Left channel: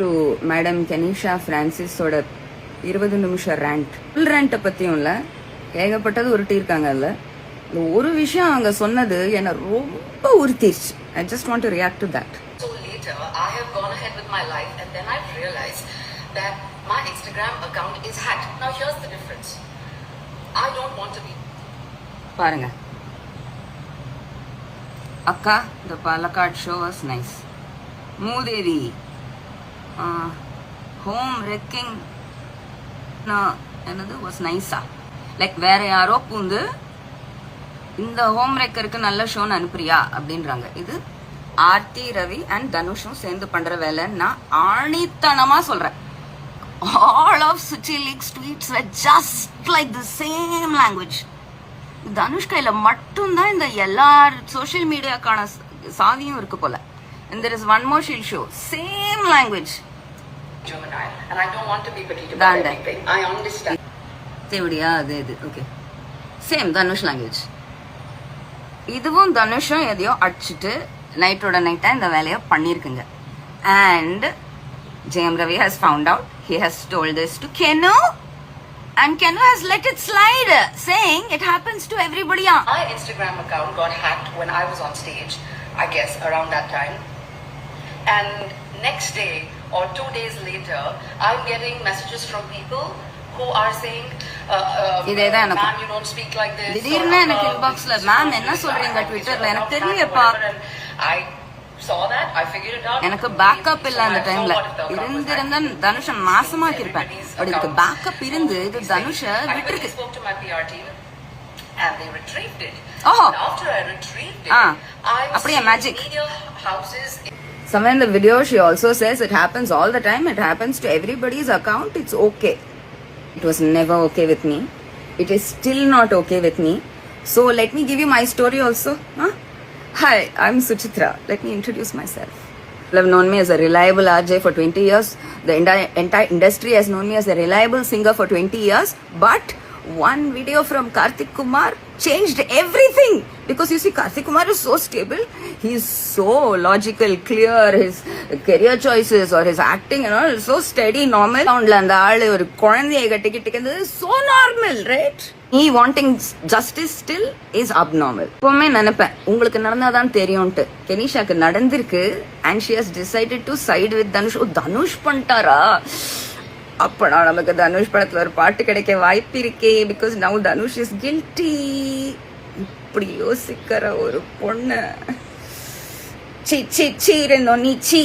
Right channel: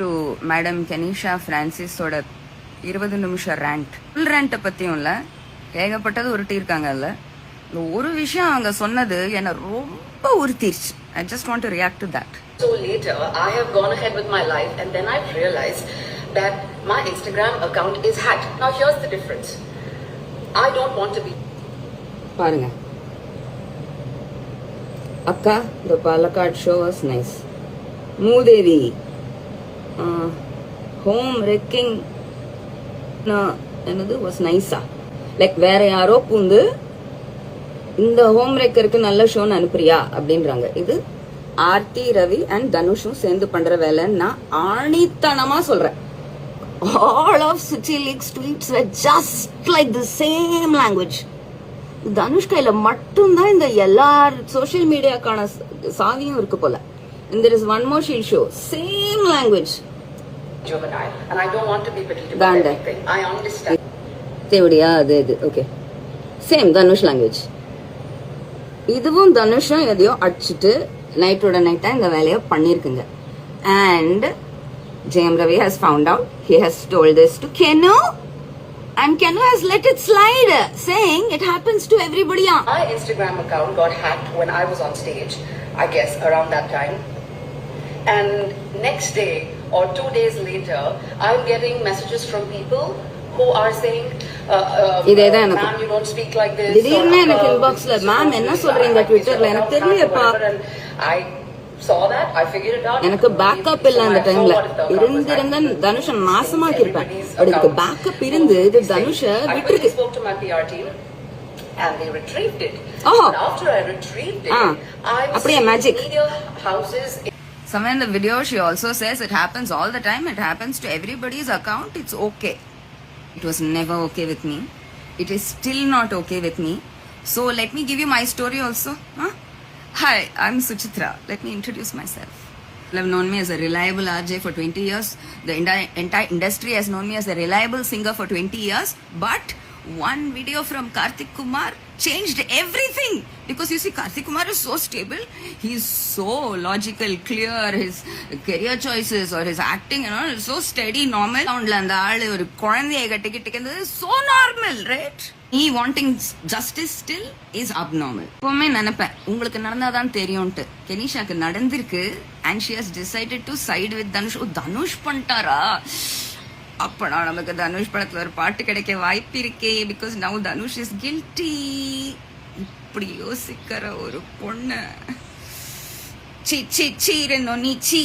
To madam Kenisha பிரான்சிஸோட 20 நிமிஷம் rent. Full ரேண்ட்டை பற்றியும் இல்லை, ஏகப்பட்டது உருட்டியிருக்காங்க. அதில் ஒரு விஷயம் அவங்க சொன்னது என்னை ரொம்ப உறுத்திடுச்சு. I just want to react to that. So later, I have gone ahead with my life and then I've realized that my Instagram account is hacked. Now here's the difference. I don't want to be. பாருங்க அக்கா, the Palakkad show was nice. Mudevi home wrecking என்னது வாஸ் நைஸா, லைக் வேற யாரோ பூந்து இந்த ஹோம் ரெக்கருக்கு நல்ல ஷோன்னு அனுப்புறியா அப்படின்றாங்க. இது ஆர்த்தி, ரவி அண்ட் தனுஷும் சேர்ந்து பண்ற வேலைன்னு நான் ஆணித்தனமா சொல்றேன். All of city leaks tweets were just like the same language. Dhanush கையில மட்டும்தான் இந்த எல்லா சோசியல் மீடியாக்கான சாவியும் இருக்கு போல. And there is one more she'll show. Same language. Juvenile. And I don't want to be petty. Danda. I understand. தேவடியா அது இது ஓகே. சேம் தனுஷ் லாங்குவேஜ். இதுவும் தனுஷும் எதையோ அடிச்சுட்டு நைட்டோட நைட்டா இந்த வேலையை பண்ணிருக்குங்க. And Jayam Ravi has found out. He has told this to Kenu. And Kenu has let it slide, saying it happens to everybody. My Instagram account got hacked when I was on stage, I guess around that time. And next day or 2 days later, I'm getting messages from people who are saying, இதேதான் ma'am, you don't speak like this. திடீர்னு எனக்கு இன்பாக்ஸ்ல மேம் என்ன சொல்றீங்க ட்விட்டர்ல எனக்கு தெரியலப்பா. I saw that, I figured it out. எனக்கு பேக்கப் இல்ல அந்த டைம்ல. இருந்திருந்தா தனுஷ நாசமாக்கி இருப்பேன். பட் இதுக்கு பேக்கப் இருந்து இது தனுஷ விட்டுருக்கு. I spoke to my PR team and they retrieved it. Oh. After I retrieved it, அப்படியே magic. media houses. Somewhere in the video she also says it happens all the time. It happens to everybody's account. It's okay. It was never okay with me. It is still not okay with me. So let me give you my story also. Hi, I'm Suchitra. Let me introduce myself. People have known me as a reliable RJ for 20 years. The entire industry has known me as a reliable singer for 20 years. But one video from Karthik Kumar changed everything. Because you see, Karthik Kumar is so stable. He's so logical, clear. His career choices or his acting and all is so steady, normal. And the ஒரு குழந்தையை கட்டிக்கிட்டு so normal, right? He wanting justice still is abnormal. எப்பவுமே நினைப்பேன் உங்களுக்கு நடந்தாதான் தெரியும்ட்டு. கெனிஷாக்கு நடந்திருக்கு and she has decided to side with Dhanush. Dhanush பண்ணிட்டாரா? அப்படா நமக்கு தனுஷ் படத்துல ஒரு பாட்டு கிடைக்க வாய்ப்பு இருக்கே. Because now Dhanush is guilty. இப்படி யோசிக்கிற ஒரு பொண்ணு சீ சீ சீரனோ நீ சீ.